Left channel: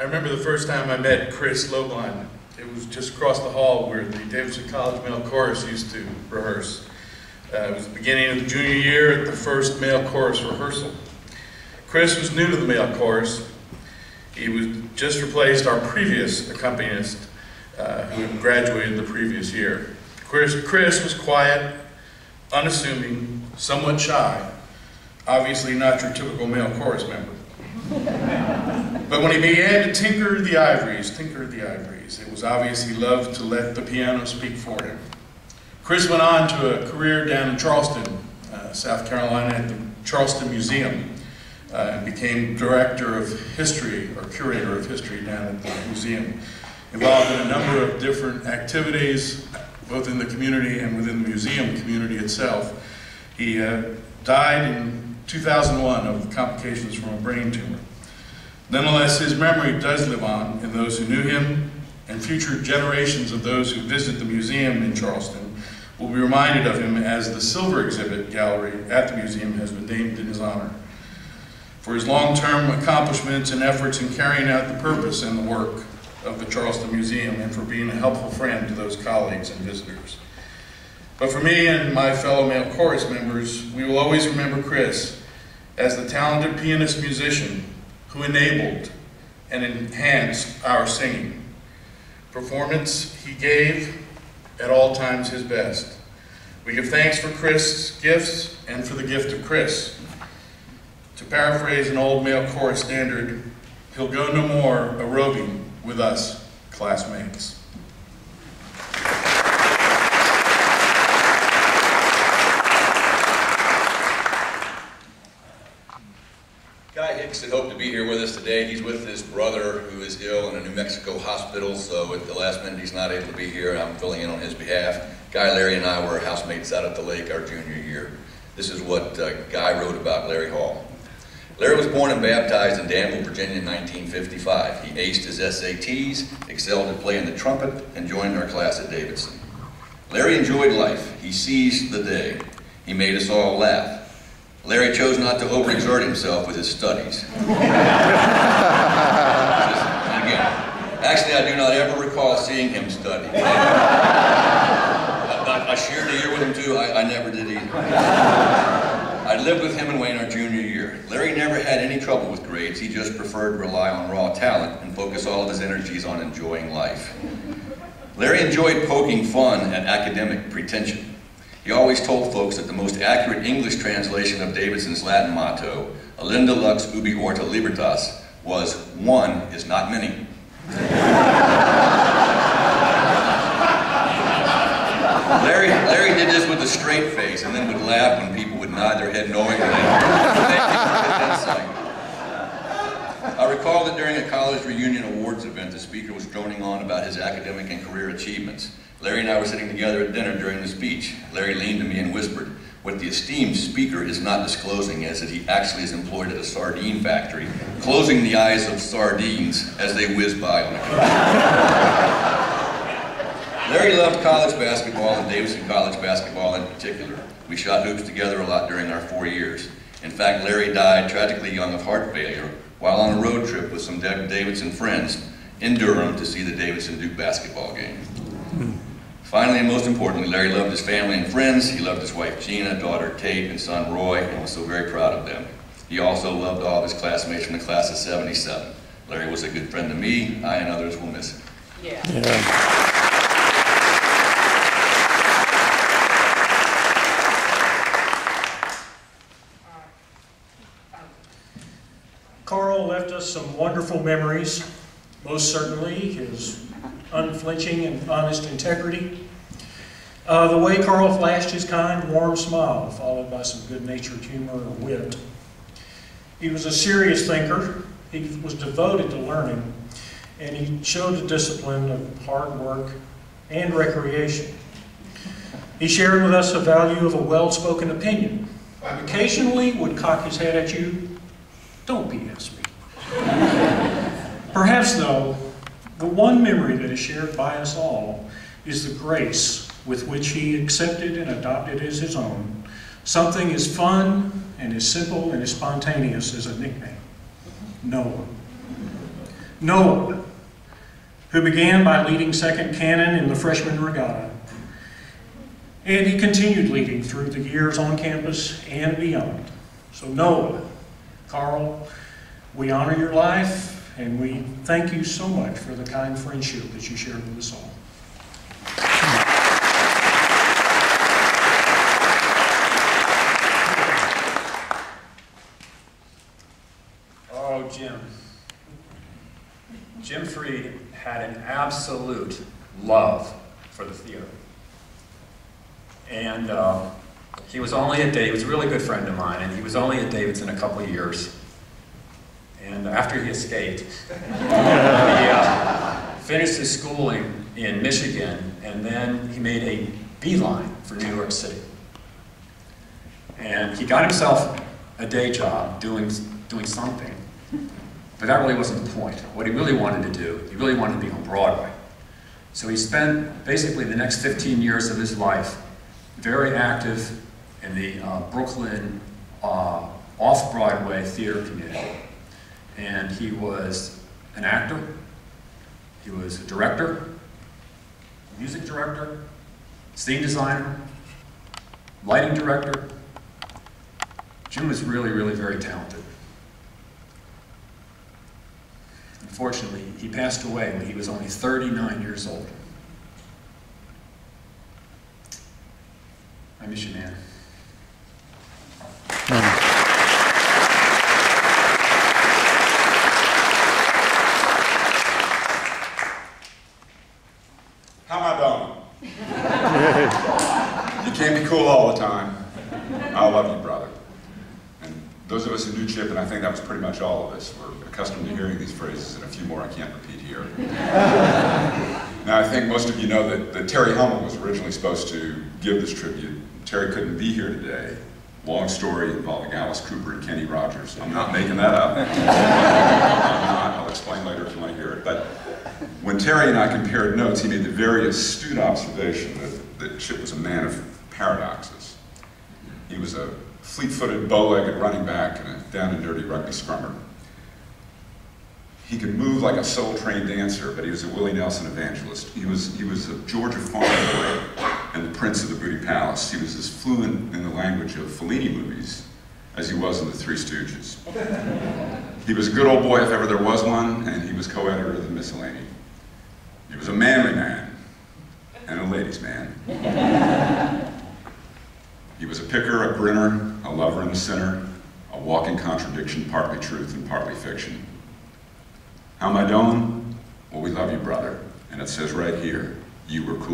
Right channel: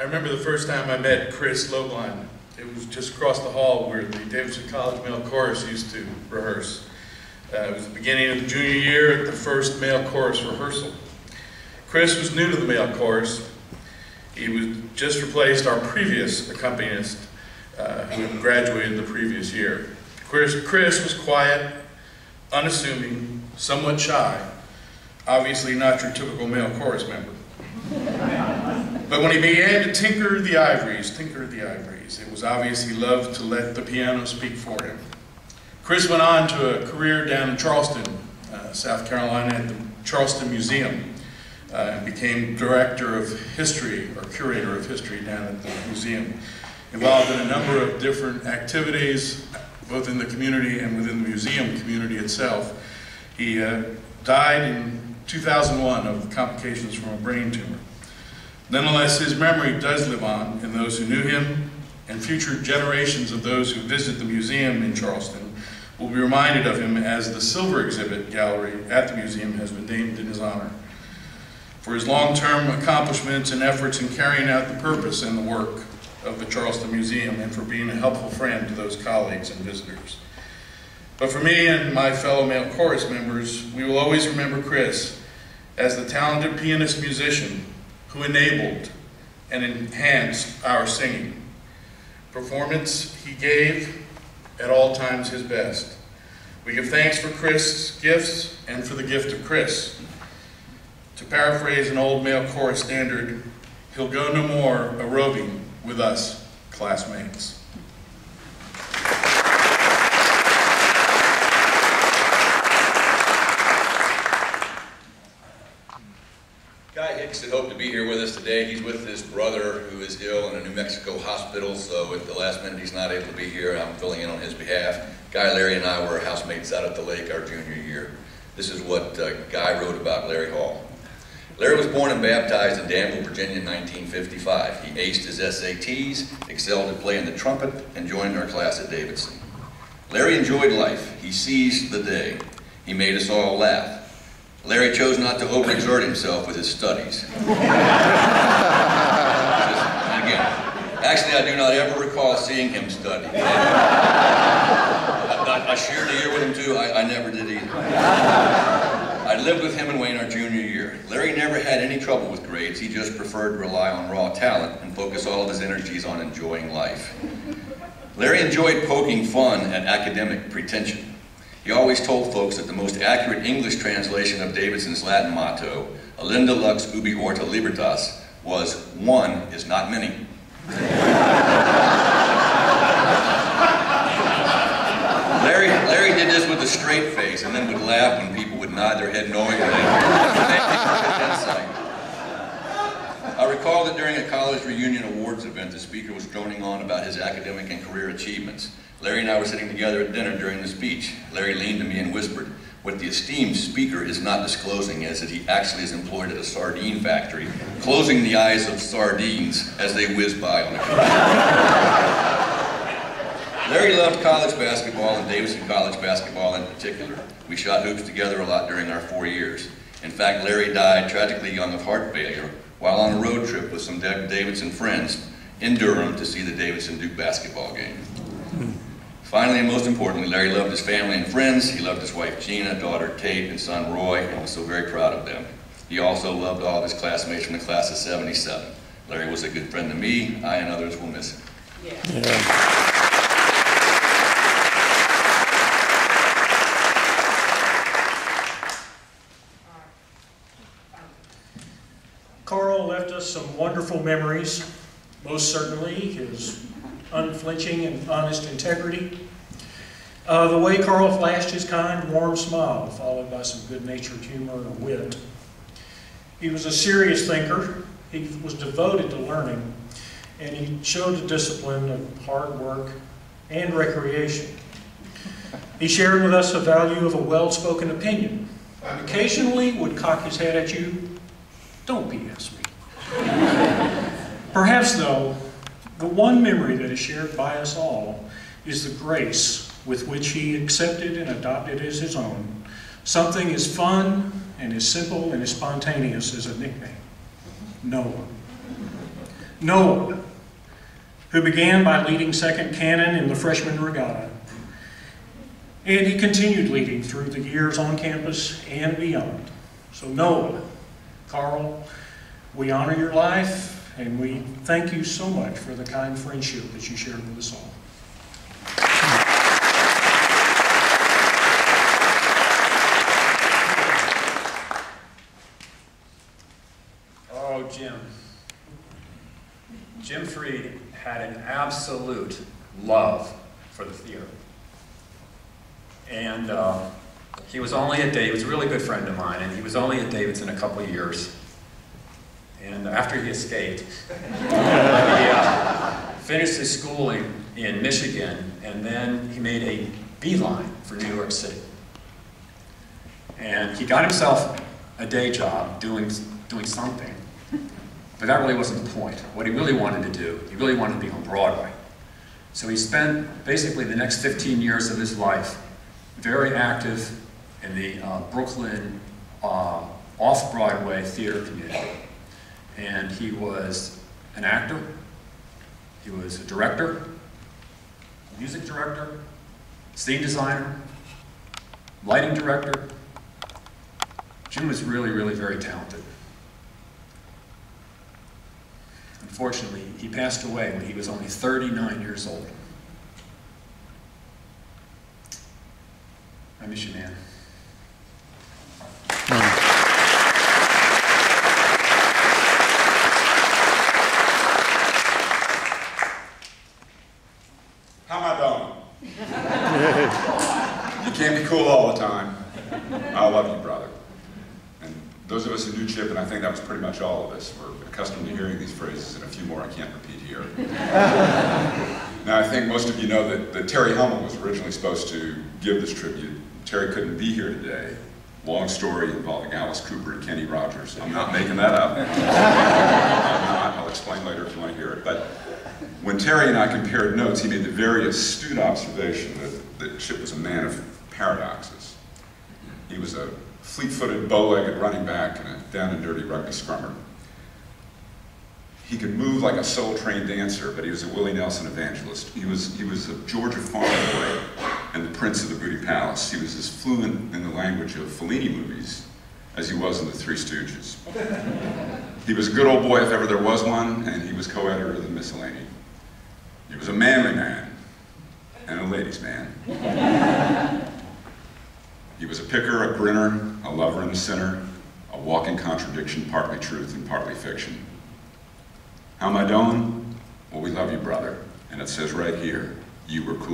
I remember the first time I met Chris Lobline. It was just across the hall where the Davidson College Male Chorus used to rehearse. It was the beginning of the junior year at the first male chorus rehearsal. Chris was new to the male chorus. He was just replaced our previous accompanist who had graduated the previous year. Chris was quiet, unassuming, somewhat shy, obviously not your typical male chorus member. But when he began to tinker the ivories, it was obvious he loved to let the piano speak for him. Chris went on to a career down in Charleston, South Carolina at the Charleston Museum, and became director of history, or curator of history down at the museum, involved in a number of different activities, both in the community and within the museum community itself. He died in 2001 of complications from a brain tumor. Nonetheless, his memory does live on in those who knew him, and future generations of those who visit the museum in Charleston will be reminded of him as the Silver Exhibit Gallery at the museum has been named in his honor. For his long-term accomplishments and efforts in carrying out the purpose and the work of the Charleston Museum, and for being a helpful friend to those colleagues and visitors. But for me and my fellow male chorus members, we will always remember Chris as the talented pianist-musician who enabled and enhanced our singing. Performance he gave at all times his best. We give thanks for Chris' gifts and for the gift of Chris. To paraphrase an old male chorus standard, he'll go no more a-roving with us, classmates. Guy Hicks had hoped to be here with us today. He's with his brother who is ill in a New Mexico hospital, so at the last minute he's not able to be here. I'm filling in on his behalf. Guy, Larry, and I were housemates out at the lake our junior year. This is what Guy wrote about Larry Hall. Larry was born and baptized in Danville, Virginia in 1955. He aced his SATs, excelled at playing the trumpet, and joined our class at Davidson. Larry enjoyed life. He seized the day. He made us all laugh. Larry chose not to overexert himself with his studies. Actually, I do not ever recall seeing him study. I shared a year with him too. I never did either. I lived with him and Wayne our junior year. Larry never had any trouble with grades. He just preferred to rely on raw talent and focus all of his energies on enjoying life. Larry enjoyed poking fun at academic pretension. He always told folks that the most accurate English translation of Davidson's Latin motto, Alinda lux ubi orta libertas, was "one is not many." Larry did this with a straight face and then would laugh when people would nod their head knowingly. I recall that during a college reunion awards event, the speaker was droning on about his academic and career achievements. Larry and I were sitting together at dinner during the speech. Larry leaned to me and whispered, "What the esteemed speaker is not disclosing is that he actually is employed at a sardine factory, closing the eyes of sardines as they whiz by on the coast." Larry loved college basketball and Davidson College basketball in particular. We shot hoops together a lot during our 4 years. In fact, Larry died tragically young of heart failure while on a road trip with some Davidson friends in Durham to see the Davidson-Duke basketball game. Finally, and most importantly, Larry loved his family and friends. He loved his wife Gina, daughter Kate, and son Roy, and was so very proud of them. He also loved all of his classmates from the class of '77. Larry was a good friend to me. I and others will miss him. Yeah. Carl left us some wonderful memories, most certainly his unflinching and honest integrity. The way Carl flashed his kind, warm smile, followed by some good-natured humor or wit. He was a serious thinker. He was devoted to learning, and he showed a discipline of hard work and recreation. He shared with us the value of a well-spoken opinion, and occasionally would cock his head at you, "Don't BS me." Perhaps, though, the one memory that is shared by us all is the grace with which he accepted and adopted as his own something as fun and as simple and as spontaneous as a nickname, Noah. Noah, who began by leading second cannon in the freshman regatta. And he continued leading through the years on campus and beyond. So Noah, Carl, we honor your life, and we thank you so much for the kind friendship that you shared with us all. Oh, Jim Freed had an absolute love for the theater. And he was only at he was a really good friend of mine, and he was only at Davidson a couple of years. And after he escaped, he finished his schooling in Michigan, and then he made a beeline for New York City. And he got himself a day job doing something, but that really wasn't the point. What he really wanted to do, he really wanted to be on Broadway. So he spent basically the next 15 years of his life very active in the Brooklyn off-Broadway theater community. And he was an actor, he was a director, music director, scene designer, lighting director. Jim was really, really very talented. Unfortunately, he passed away when he was only 39 years old. I miss you, man. How am I doing? You can't be cool all the time. I love you, brother. And those of us who knew Chip, and I think that was pretty much all of us, were accustomed to hearing these phrases, and a few more I can't repeat here. Now, I think most of you know that Terry Hummel was originally supposed to give this tribute. Terry couldn't be here today. Long story involving Alice Cooper and Kenny Rogers. I'm not making that up. I'm not. I'll explain later if you want to hear it. But when Terry and I compared notes, he made the very astute observation that Chip was a man of paradoxes. He was a fleet-footed, bow-legged running back and a down-and-dirty rugby scrummer. He could move like a soul-trained dancer, but he was a Willie Nelson evangelist. He was a Georgia farm boy and the prince of the Booty Palace. He was as fluent in the language of Fellini movies as he was in the Three Stooges. He was a good old boy if ever there was one, and he was co-editor of the Miscellany. He was a manly man and a ladies' man. He was a picker, a grinner, a lover and a sinner, a walking contradiction, partly truth and partly fiction. How am I doing? Well, we love you, brother. And it says right here, you were cool.